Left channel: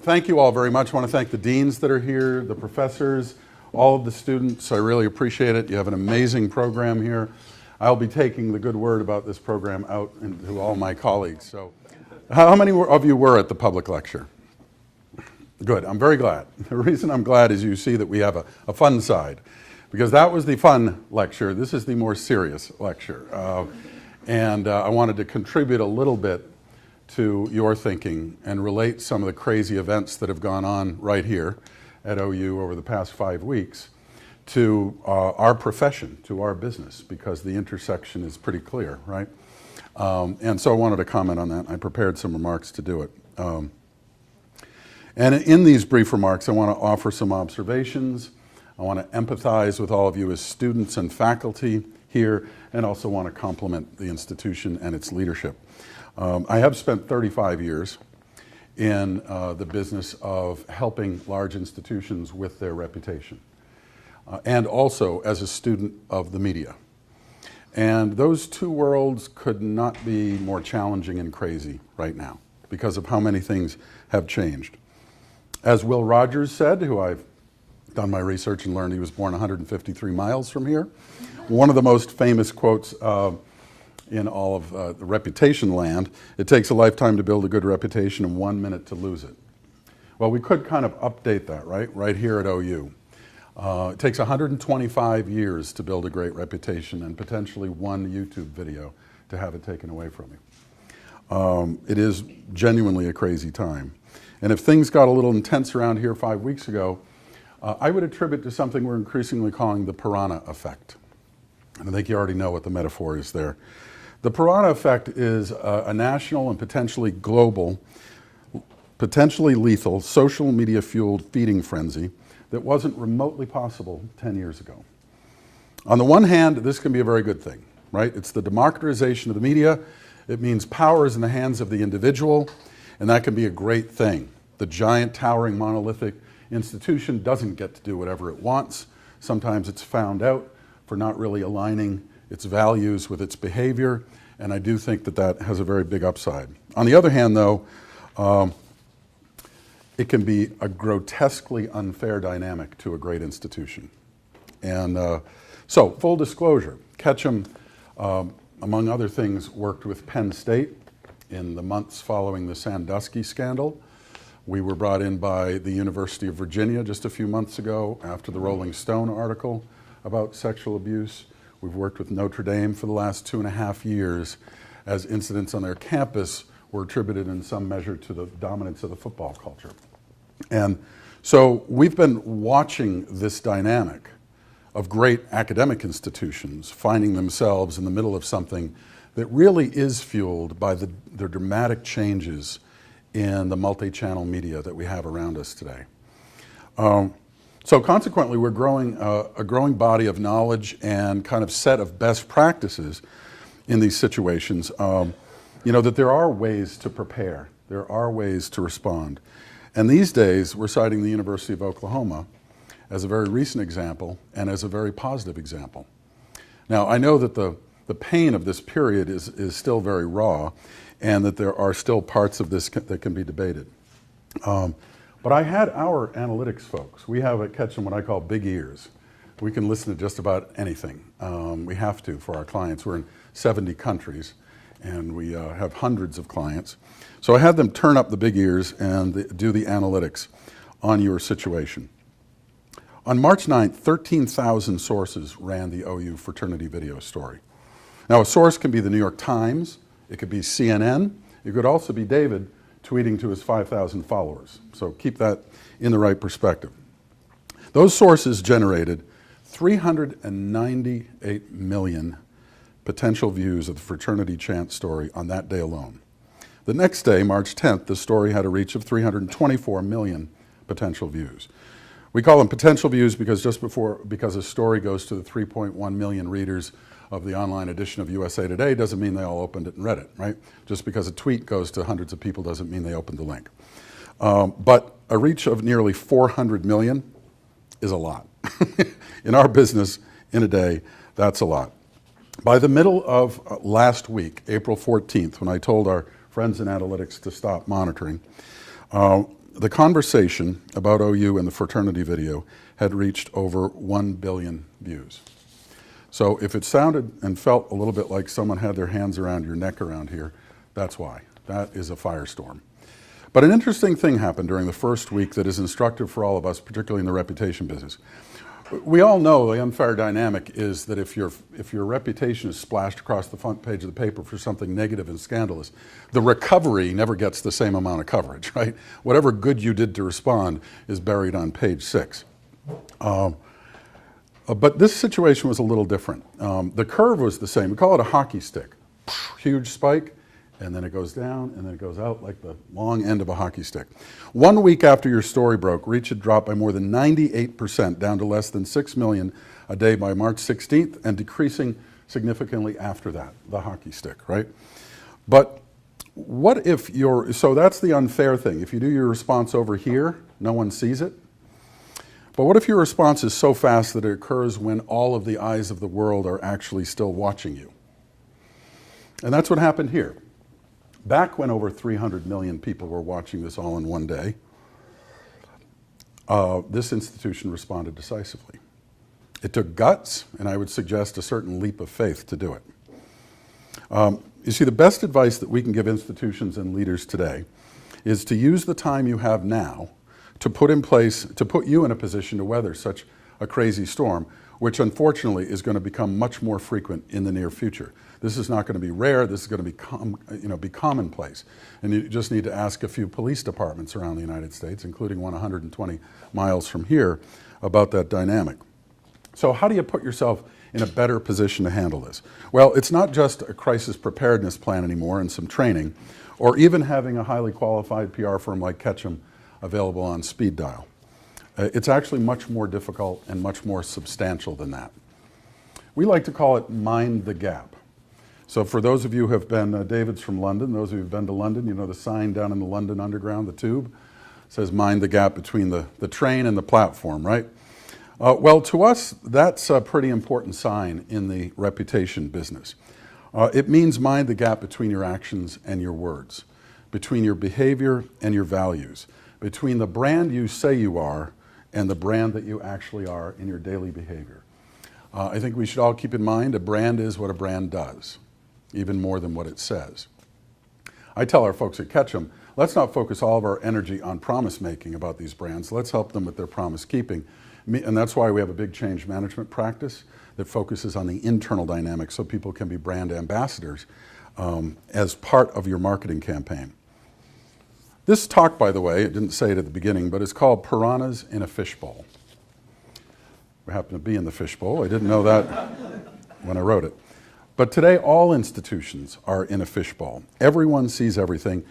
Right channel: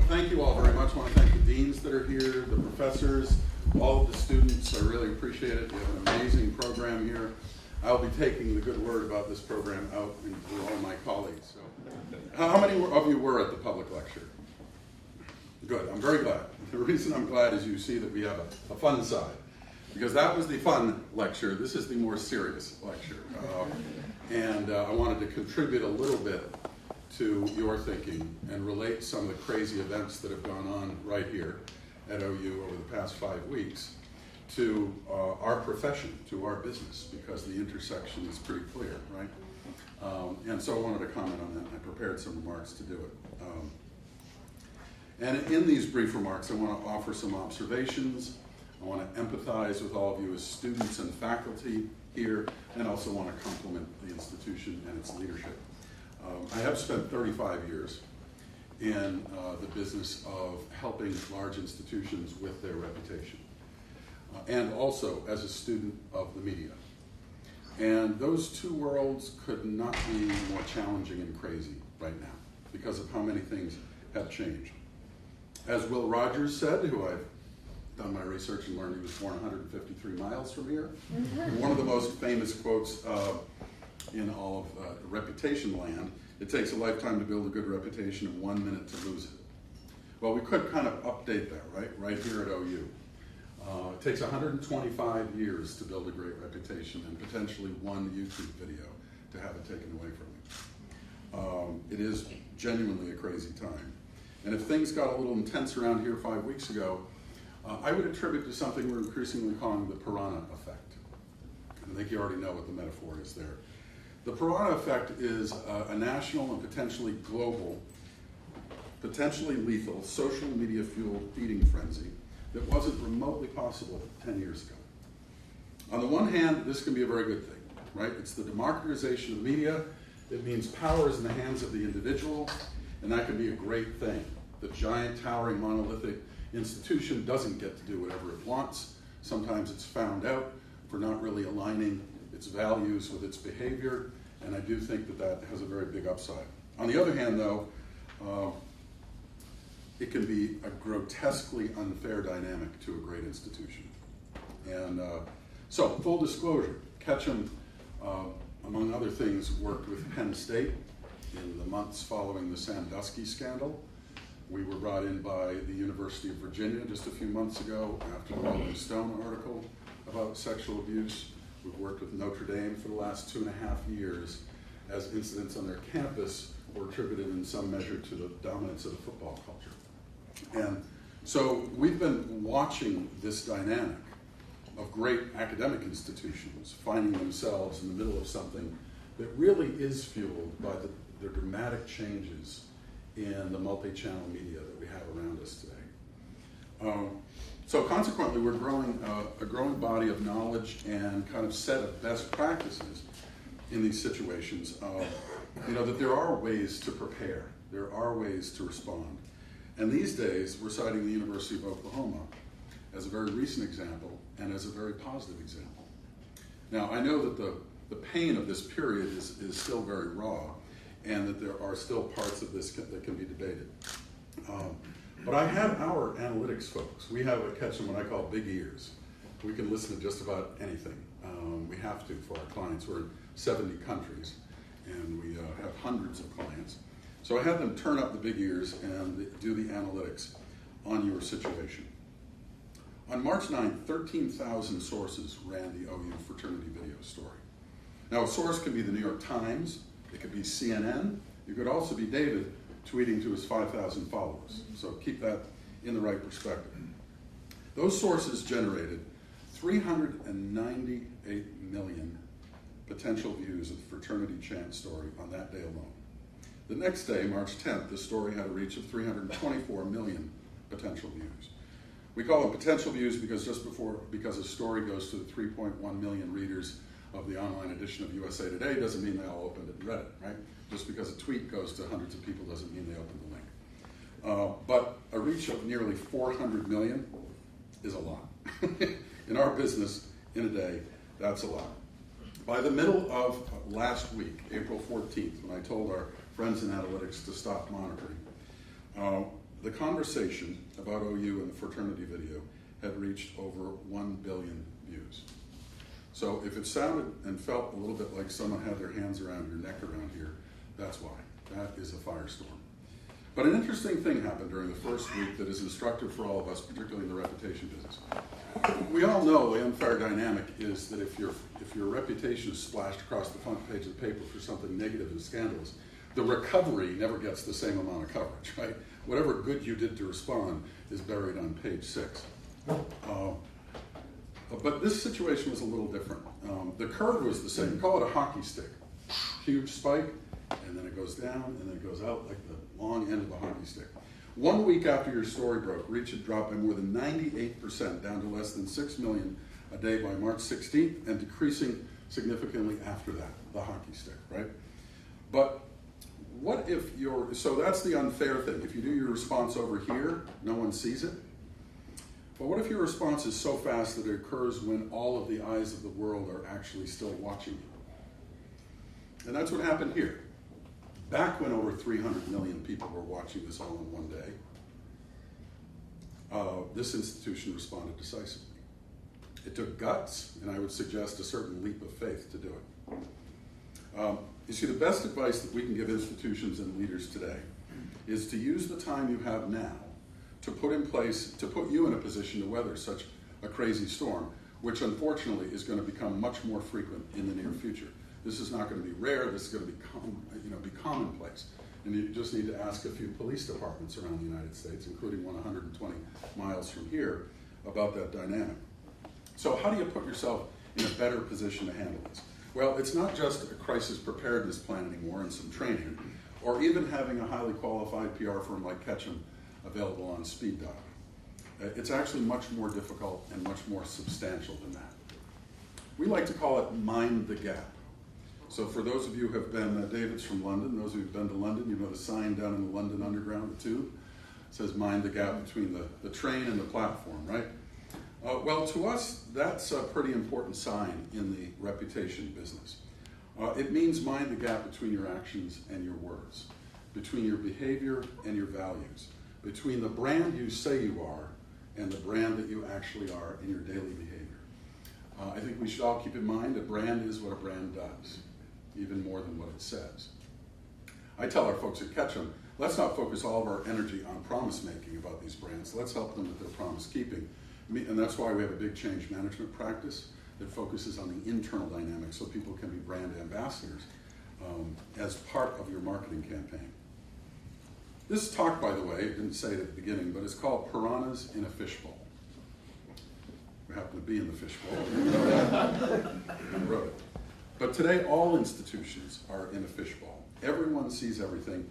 Thank you all very much. I want to thank the deans that are here, the professors, all of the students. I really appreciate it. You have an amazing program here. I'll be taking the good word about this program out to all my colleagues. So, how many of you were at the public lecture? Good. I'm very glad. The reason I'm glad is you see that we have a fun side, because that was the fun lecture. This is the more serious lecture. I wanted to contribute a little bit to your thinking and relate some of the crazy events that have gone on right here at OU over the past 5 weeks to our profession, to our business, because the intersection is pretty clear, right? And so I wanted to comment on that. I prepared some remarks to do it. And in these brief remarks, I want to offer some observations. I want to empathize with all of you as students and faculty here, and also want to compliment the institution and its leadership. I have spent 35 years in the business of helping large institutions with their reputation, and also as a student of the media. And those two worlds could not be more challenging and crazy right now because of how many things have changed. As Will Rogers said, who I've done my research and learned he was born 153 miles from here, one of the most famous quotes in all of the reputation land, it takes a lifetime to build a good reputation and 1 minute to lose it. Well, we could kind of update that, right here at OU. It takes 125 years to build a great reputation and potentially one YouTube video to have it taken away from you. It is genuinely a crazy time. And if things got a little intense around here 5 weeks ago, I would attribute to something we're increasingly calling the piranha effect. And I think you already know what the metaphor is there. The piranha effect is a national and potentially global, potentially lethal, social media-fueled feeding frenzy that wasn't remotely possible 10 years ago. On the one hand, this can be a very good thing, right? It's the democratization of the media. It means power is in the hands of the individual, and that can be a great thing. The giant, towering, monolithic institution doesn't get to do whatever it wants. Sometimes it's found out for not really aligning its values with its behavior, and I do think that that has a very big upside. On the other hand, though, it can be a grotesquely unfair dynamic to a great institution. And so, full disclosure, Ketchum, among other things, worked with Penn State in the months following the Sandusky scandal. We were brought in by the University of Virginia just a few months ago after the Rolling Stone article about sexual abuse. We've worked with Notre Dame for the last 2.5 years as incidents on their campus were attributed in some measure to the dominance of the football culture. And so we've been watching this dynamic of great academic institutions finding themselves in the middle of something that really is fueled by the dramatic changes in the multi-channel media that we have around us today. So consequently, we're growing a growing body of knowledge and kind of set of best practices in these situations. That there are ways to prepare, there are ways to respond. And these days, we're citing the University of Oklahoma as a very recent example and as a very positive example. Now, I know that the pain of this period is still very raw, and that there are still parts of this that can be debated. But I had our analytics folks. We have at Ketchum what I call big ears. We can listen to just about anything. We have to for our clients. We're in 70 countries, and we have hundreds of clients. So I had them turn up the big ears and do the analytics on your situation. On March 9th, 13,000 sources ran the OU fraternity video story. Now, a source can be the New York Times, it could be CNN, it could also be David tweeting to his 5,000 followers. So keep that in the right perspective. Those sources generated 398 million potential views of the fraternity chant story on that day alone. The next day, March 10th, the story had a reach of 324 million potential views. We call them potential views because because a story goes to the 3.1 million readers of the online edition of USA Today doesn't mean they all opened it and read it, right? Just because a tweet goes to hundreds of people doesn't mean they opened the link. But a reach of nearly 400 million is a lot. In our business, in a day, that's a lot. By the middle of last week, April 14th, when I told our friends in analytics to stop monitoring, the conversation about OU and the fraternity video had reached over 1 billion views. So if it sounded and felt a little bit like someone had their hands around your neck around here, that's why. That is a firestorm. But an interesting thing happened during the first week that is instructive for all of us, particularly in the reputation business. We all know the unfair dynamic is that if your reputation is splashed across the front page of the paper for something negative and scandalous, the recovery never gets the same amount of coverage, right? Whatever good you did to respond is buried on page 6. But this situation was a little different. The curve was the same. We call it a hockey stick. Huge spike, and then it goes down, and then it goes out like the long end of a hockey stick. 1 week after your story broke, reach had dropped by more than 98%, down to less than 6 million a day by March 16th, and decreasing significantly after that, the hockey stick, right? But what if so that's the unfair thing. If you do your response over here, no one sees it. But what if your response is so fast that it occurs when all of the eyes of the world are actually still watching you? And that's what happened here. Back when over 300 million people were watching this all in one day, this institution responded decisively. It took guts, and I would suggest a certain leap of faith to do it. You see, the best advice that we can give institutions and leaders today is to use the time you have now to put you in a position to weather such a crazy storm, which unfortunately is going to become much more frequent in the near future. This is not going to be rare. This is going to be commonplace. And you just need to ask a few police departments around the United States, including one 120 miles from here, about that dynamic. So how do you put yourself in a better position to handle this? Well, it's not just a crisis preparedness plan anymore and some training, or even having a highly qualified PR firm like Ketchum available on speed dial. It's actually much more difficult and much more substantial than that. We like to call it mind the gap. So for those of you who have been, David's from London, those of you who have been to London, you know the sign down in the London Underground, the tube, says mind the gap between the train and the platform, right? Well, to us, that's a pretty important sign in the reputation business. It means mind the gap between your actions and your words, between your behavior and your values, between the brand you say you are and the brand that you actually are in your daily behavior. I think we should all keep in mind a brand is what a brand does, even more than what it says. I tell our folks at Ketchum, let's not focus all of our energy on promise making about these brands. Let's help them with their promise keeping. And that's why we have a big change management practice that focuses on the internal dynamics so people can be brand ambassadors as part of your marketing campaign. This talk, by the way, it didn't say it at the beginning, but it's called Piranhas in a Fishbowl. We happen to be in the fishbowl. I didn't know that when I wrote it. But today, all institutions are in a fishbowl. Everyone sees everything.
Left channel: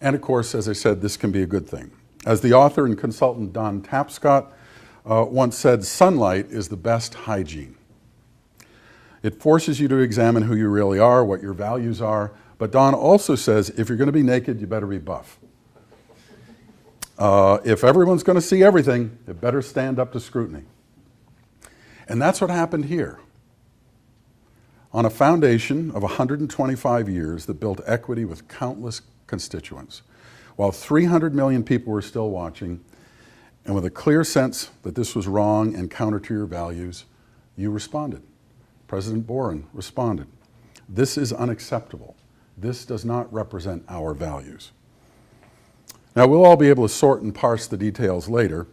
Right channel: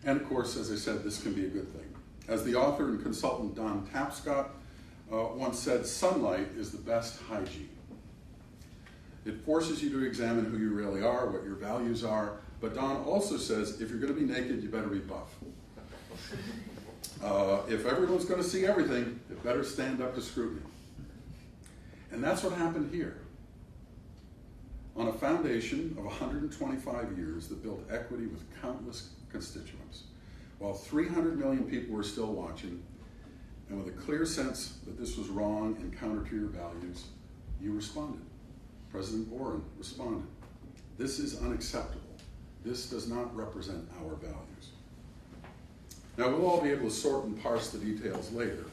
And of course, as I said, this can be a good thing. As the author and consultant Don Tapscott once said, sunlight is the best hygiene. It forces you to examine who you really are, what your values are. But Don also says, if you're going to be naked, you better be buff. If everyone's going to see everything, it better stand up to scrutiny. And that's what happened here. On a foundation of 125 years that built equity with countless constituents, while 300 million people were still watching, and with a clear sense that this was wrong and counter to your values, you responded. President Boren responded. This is unacceptable. This does not represent our values. Now, we'll all be able to sort and parse the details later.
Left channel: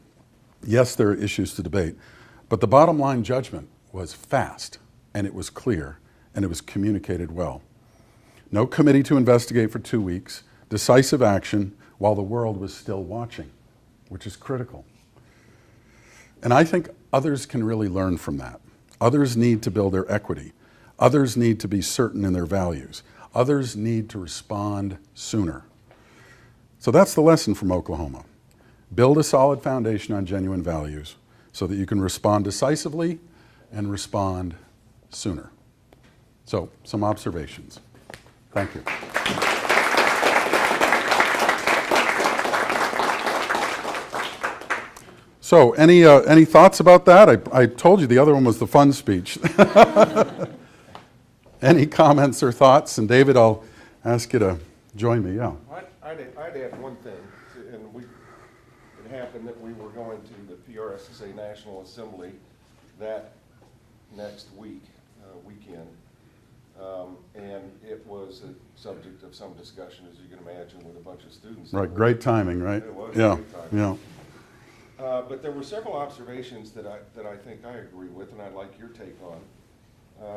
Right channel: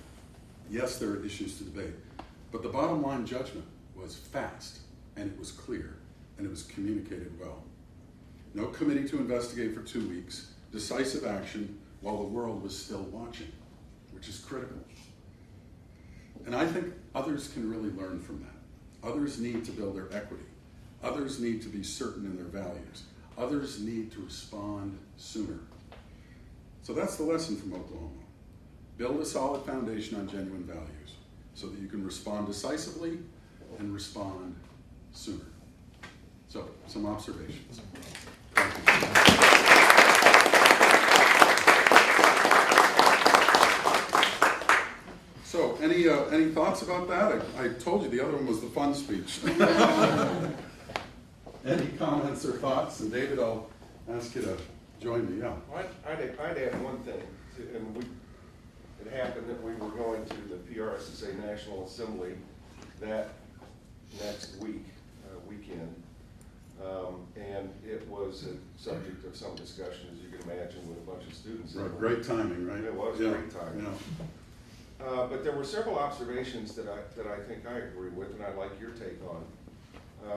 Yes, there are issues to debate, but the bottom line judgment was fast, and it was clear, and it was communicated well. No committee to investigate for 2 weeks, decisive action while the world was still watching, which is critical. And I think others can really learn from that. Others need to build their equity. Others need to be certain in their values. Others need to respond sooner. So that's the lesson from Oklahoma. Build a solid foundation on genuine values so that you can respond decisively and respond sooner. So, some observations. Thank you. So, any thoughts about that? I told you the other one was the fun speech. Any comments or thoughts? And David, I'll ask you to join me. Yeah. I'd add one thing, and that we were going to the PRSSA National Assembly that next weekend. And it was a subject of some discussion, as you can imagine, with a bunch of students. Right, great timing, right? It was yeah. great timing. Yeah. But there were several observations that I think I agree with, and I'd like your take on.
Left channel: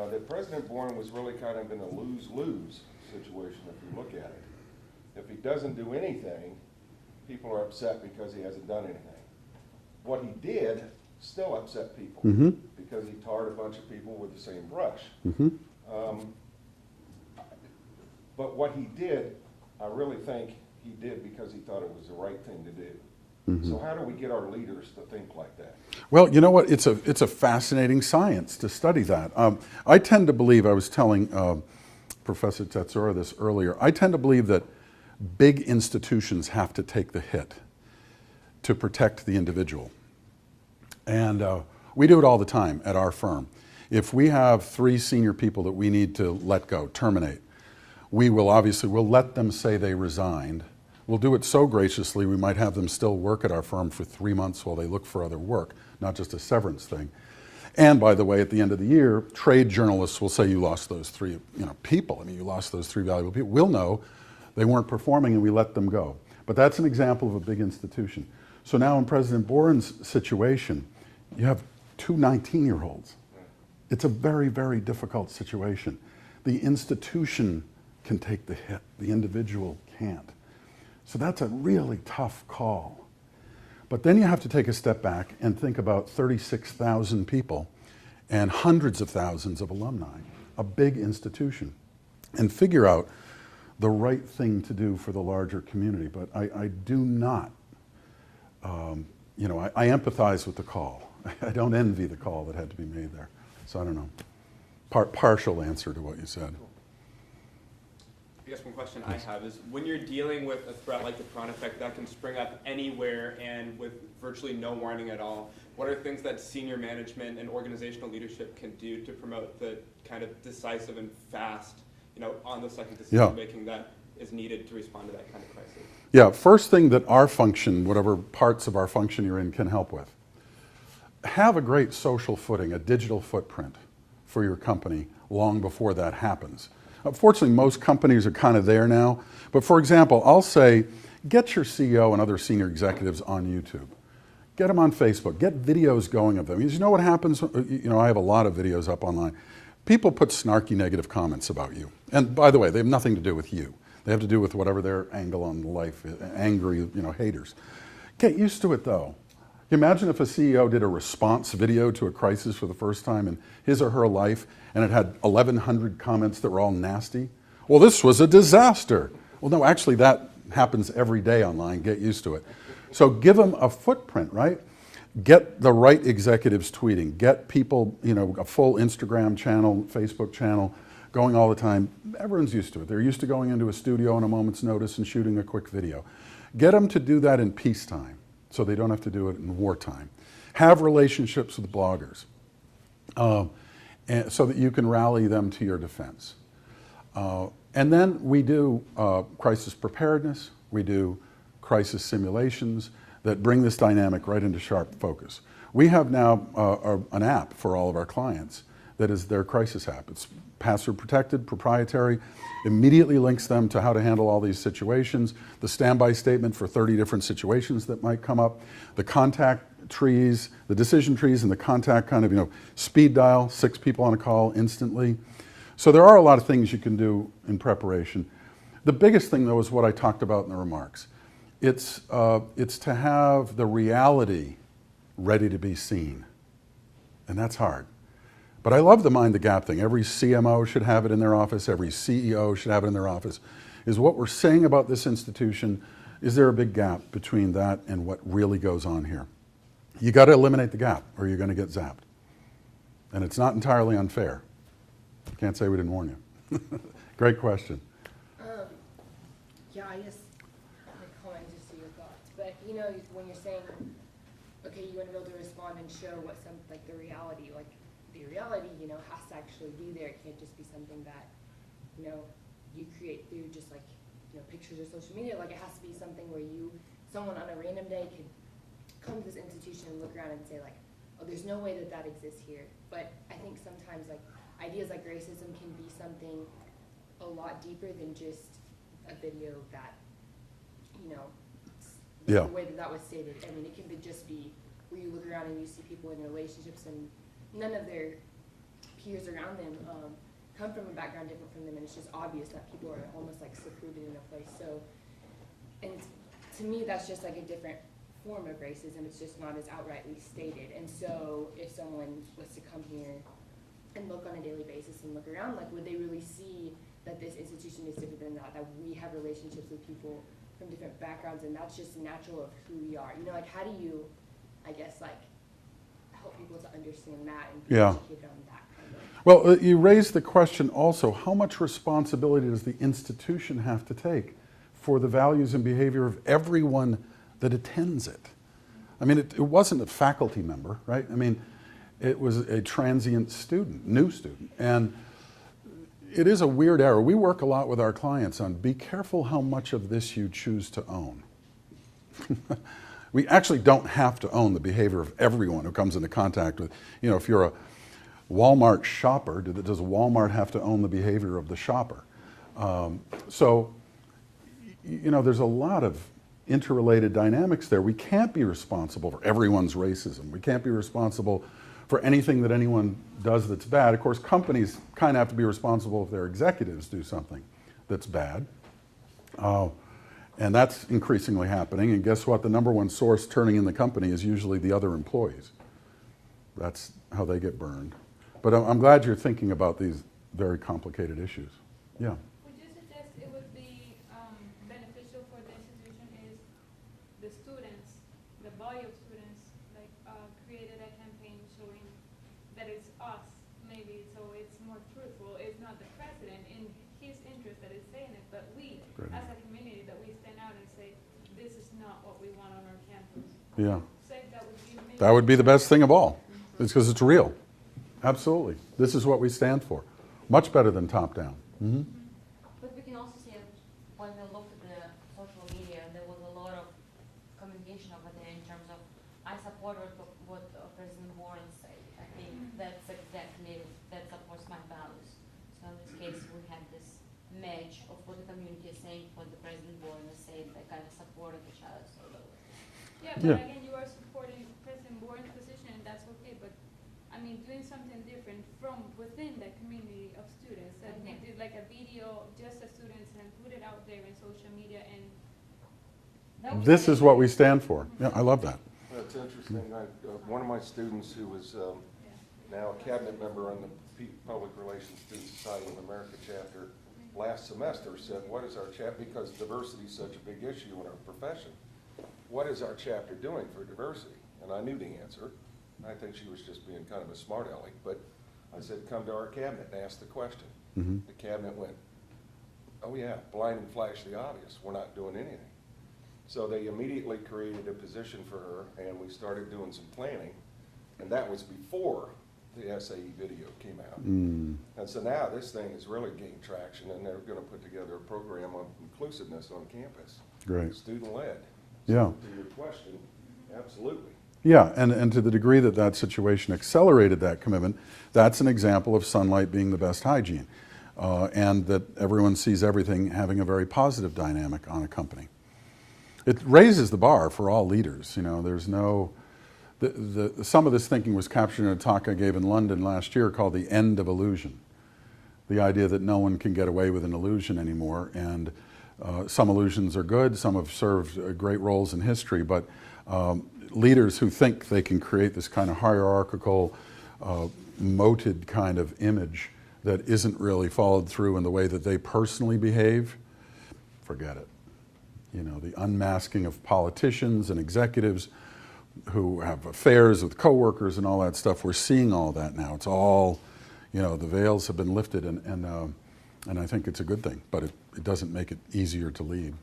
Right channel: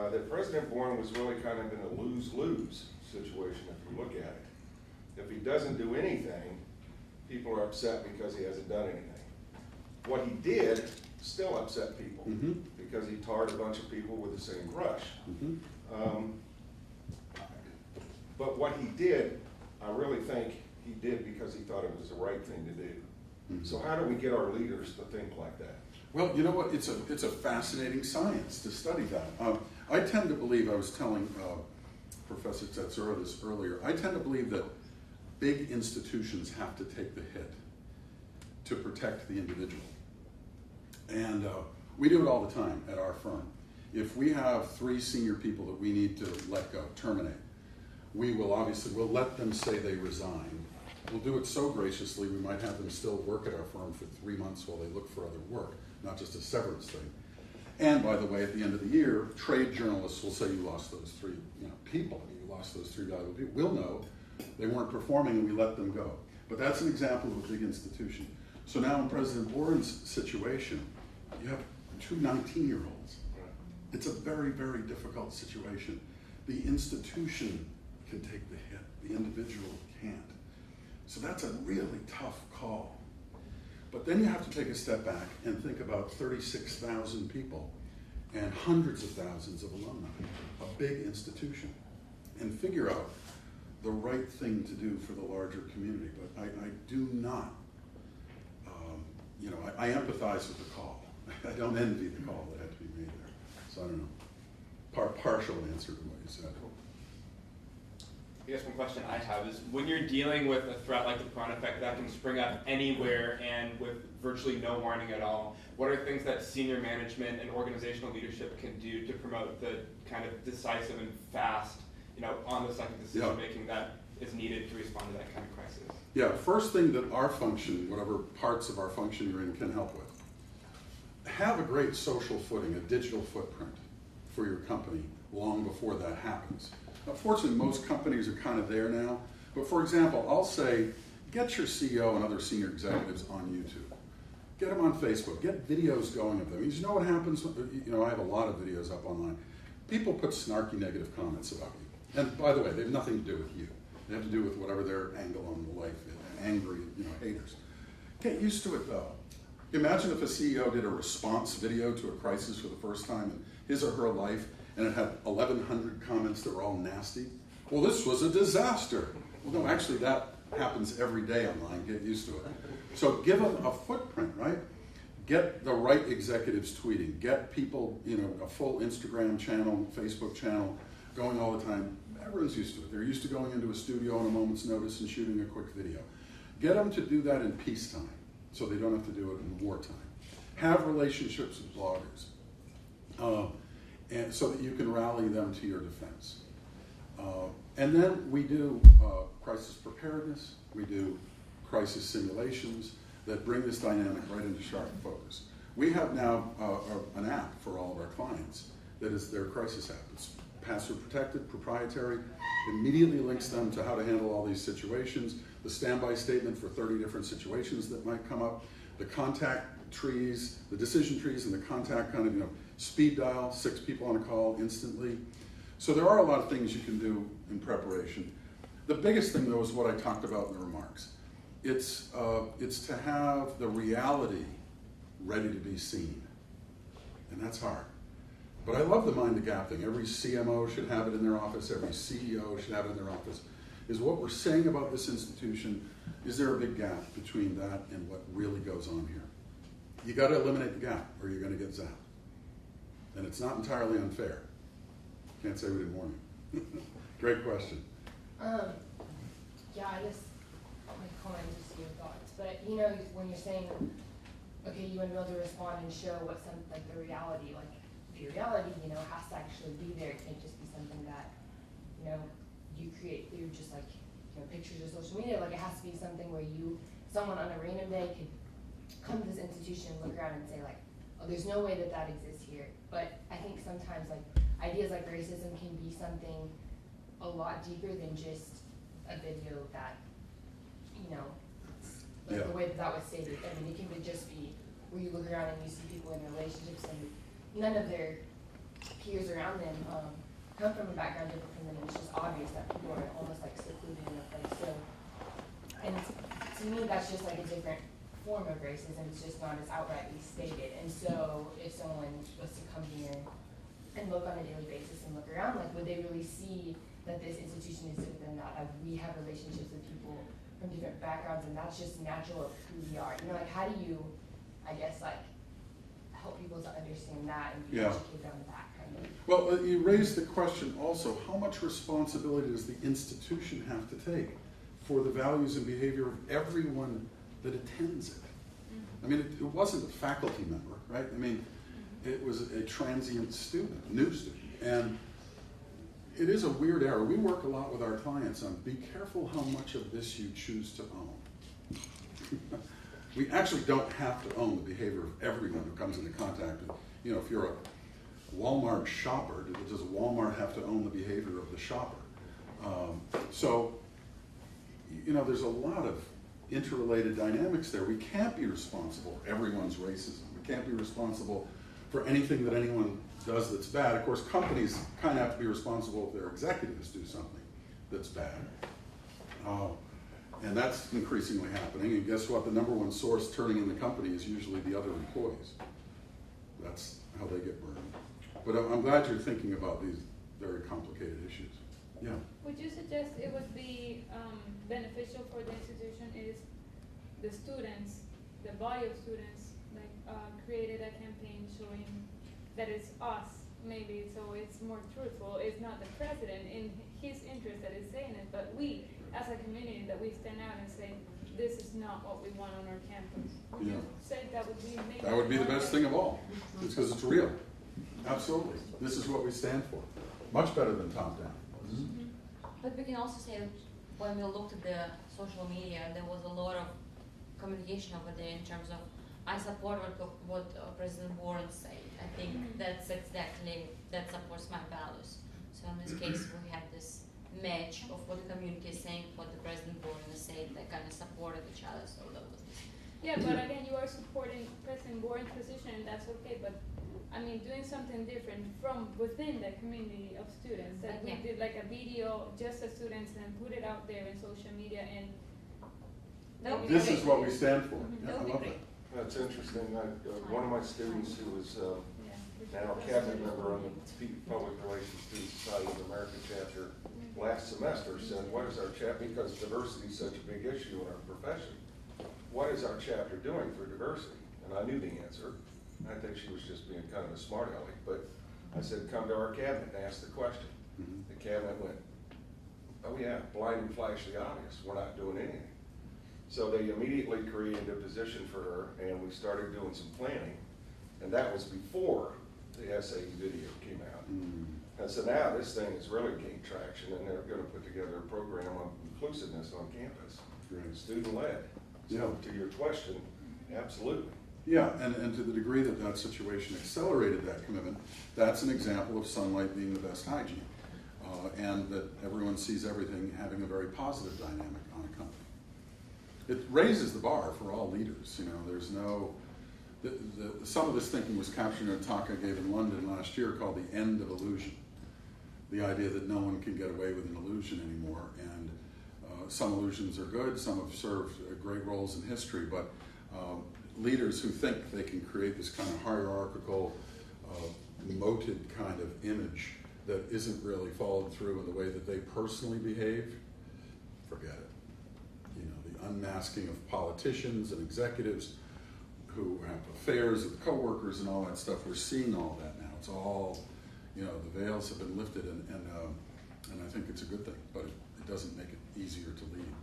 That President Bourne was really kind of in a lose-lose situation if you look at it. If he doesn't do anything, people are upset because he hasn't done anything. What he did still upset people because he tarred a bunch of people with the same brush. But what he did, I really think he did because he thought it was the right thing to do. So how do we get our leaders to think like that? Well, you know what? It's a fascinating science to study that. I tend to believe, I was telling Professor Tetsura this earlier, I tend to believe that big institutions have to take the hit to protect the individual. And we do it all the time at our firm. If we have 3 senior people that we need to let go, terminate, we will obviously, we'll let them say they resigned. We'll do it so graciously we might have them still work at our firm for 3 months while they look for other work, not just a severance thing. And by the way, at the end of the year, trade journalists will say you lost those 3 people. I mean, you lost those 3 valuable people. We'll know they weren't performing and we let them go. But that's an example of a big institution. So now in President Bourne's situation, you have 2 19-year-olds. It's a very, very difficult situation. The institution can take the hit, the individual can't. So that's a really tough call. But then you have to take a step back and think about 36,000 people and hundreds of thousands of alumni, a big institution, and figure out the right thing to do for the larger community. But I do not, I empathize with the call. I don't envy the call that had to be made there. So I don't know. Partial answer to what you said. I guess one question I have is, when you're dealing with a threat like the prawn effect that can spring up anywhere and with virtually no warning at all, what are things that senior management and organizational leadership can do to promote the kind of decisive and fast, on the second decision making that is needed to respond to that kind of crisis? Yeah, first thing that our function, whatever parts of our function you're in, can help with. Have a great social footing, a digital footprint for your company long before that happens. Fortunately, most companies are kind of there now. But for example, I'll say, get your CEO and other senior executives on YouTube. Get them on Facebook. Get videos going of them. Because you know what happens? I have a lot of videos up online. People put snarky negative comments about you. And by the way, they have nothing to do with you. They have to do with whatever their angle on life is, angry, haters. Get used to it though. Imagine if a CEO did a response video to a crisis for the first time in his or her life, and it had 1,100 comments that were all nasty. Well, this was a disaster. Well, no, actually that happens every day online. Get used to it. So give them a footprint, right? Get the right executives tweeting. Get people, a full Instagram channel, Facebook channel going all the time. Everyone's used to it. They're used to going into a studio on a moment's notice and shooting a quick video. Get them to do that in peacetime so they don't have to do it in wartime. Have relationships with bloggers. And so that you can rally them to your defense. And then we do crisis preparedness, we do crisis simulations that bring this dynamic right into sharp focus. We have now an app for all of our clients that is their crisis app. It's password protected, proprietary, immediately links them to how to handle all these situations, the standby statement for 30 different situations that might come up, the contact trees, the decision trees, and the contact kind of, speed dial, 6 people on a call instantly. So there are a lot of things you can do in preparation. The biggest thing, though, is what I talked about in the remarks. It's to have the reality ready to be seen, and that's hard. But I love the mind the gap thing. Every CMO should have it in their office. Every CEO should have it in their office. Is what we're saying about this institution, is there a big gap between that and what really goes on here? You got to eliminate the gap or you're going to get zapped. And it's not entirely unfair. Can't say we didn't warn you. Great question. Yeah, I guess my comment is to see your thoughts. But when you're saying, okay, you want to be able to respond and show what the reality, has to actually be there. It can't just be something that, you create through just pictures of social media. Like it has to be something where someone on a random day could come to this institution and look around and say like, oh, there's no way that that exists here. But I think sometimes like ideas like racism can be something a lot deeper than just a video that, you know, Yeah. the way that that was stated. I mean, it can just be where you look around and you see people in relationships and none of their peers around them come from a background different from them, and it's just obvious that people are almost like secluded in a place. So, and to me, that's just like a different form of racism. It's just not as outrightly stated. And so, if someone was to come here and look on a daily basis and look around, like, would they really see that this institution is different than that? That we have relationships with people from different backgrounds, and that's just natural of who we are. You know, like, how do you, I guess, like, help people to understand that and be Yeah. educated on that kind of? Well, you raised the question also, how much responsibility does the institution have to take for the values and behavior of everyone that attends it? I mean, it wasn't a faculty member, right? I mean, it was a transient student, new student. And it is a weird error. We work a lot with our clients on be careful how much of this you choose to own. We actually don't have to own the behavior of everyone who comes into contact with, you know, if you're a Walmart shopper, does Walmart have to own the behavior of the shopper? So, you know, there's a lot of interrelated dynamics there. We can't be responsible for everyone's racism. We can't be responsible for anything that anyone does that's bad. Of course, companies kind of have to be responsible if their executives do something that's bad. And that's increasingly happening. And guess what? The number one source turning in the company is usually the other employees. That's how they get burned. But I'm glad you're thinking about these very complicated issues. Yeah. Would you suggest it would be beneficial for the institution is the students, the body of students, like created a campaign showing that it's us, maybe, so it's more truthful. It's not the president in his interest that is saying it, but we, Right. as a community, that we stand out and say, this is not what we want on our campus. Yeah. Say that would be maybe That would be the best thing of all. It's because it's real. Absolutely. This is what we stand for. Much better than top down. Mm-hmm. But we can also say that when we looked at the social media, there was a lot of communication over there in terms of, I support what President Warren said. I think that's exactly, that supports my values. So in this case, we had this match of what the community is saying, what the President Warren is saying, that kind of supported each other. So that was this. Yeah, but again, you are supporting President Warren's position, and that's okay, but I mean, doing something different from within the community of students, that we did like a video just as students and put it out there in social media, and that would be This is great. what we stand for. Yeah, I love that. That's interesting. One of my students who was Yeah. now a cabinet member on the Public Relations Student Society of America chapter last semester said, what is our chapter, because diversity is such a big issue in our profession, what is our chapter doing for diversity? And I knew the answer. I think she was just being kind of a smart aleck, but I said, come to our cabinet and ask the question. Mm-hmm. The cabinet went, oh yeah, blind and flash the obvious, we're not doing anything. So they immediately created a position for her, and we started doing some planning, and that was before the SAE video came out. Mm. And so now this thing is really gaining traction, and they're gonna put together a program on inclusiveness on campus. Great. Student-led. Yeah. So to your question, absolutely. Yeah, and to the degree that that situation accelerated that commitment, that's an example of sunlight being the best hygiene, and that everyone sees everything having a very positive dynamic on a company. It raises the bar for all leaders. You know, there's no, some of this thinking was captured in a talk I gave in London last year called The End of Illusion. The idea that no one can get away with an illusion anymore, and some illusions are good, some have served great roles in history, but leaders who think they can create this kind of hierarchical, moated kind of image that isn't really followed through in the way that they personally behave, forget it. You know, the unmasking of politicians and executives who have affairs with coworkers and all that stuff, we're seeing all that now. It's all, you know, the veils have been lifted, and I think it's a good thing, but it doesn't make it easier to lead.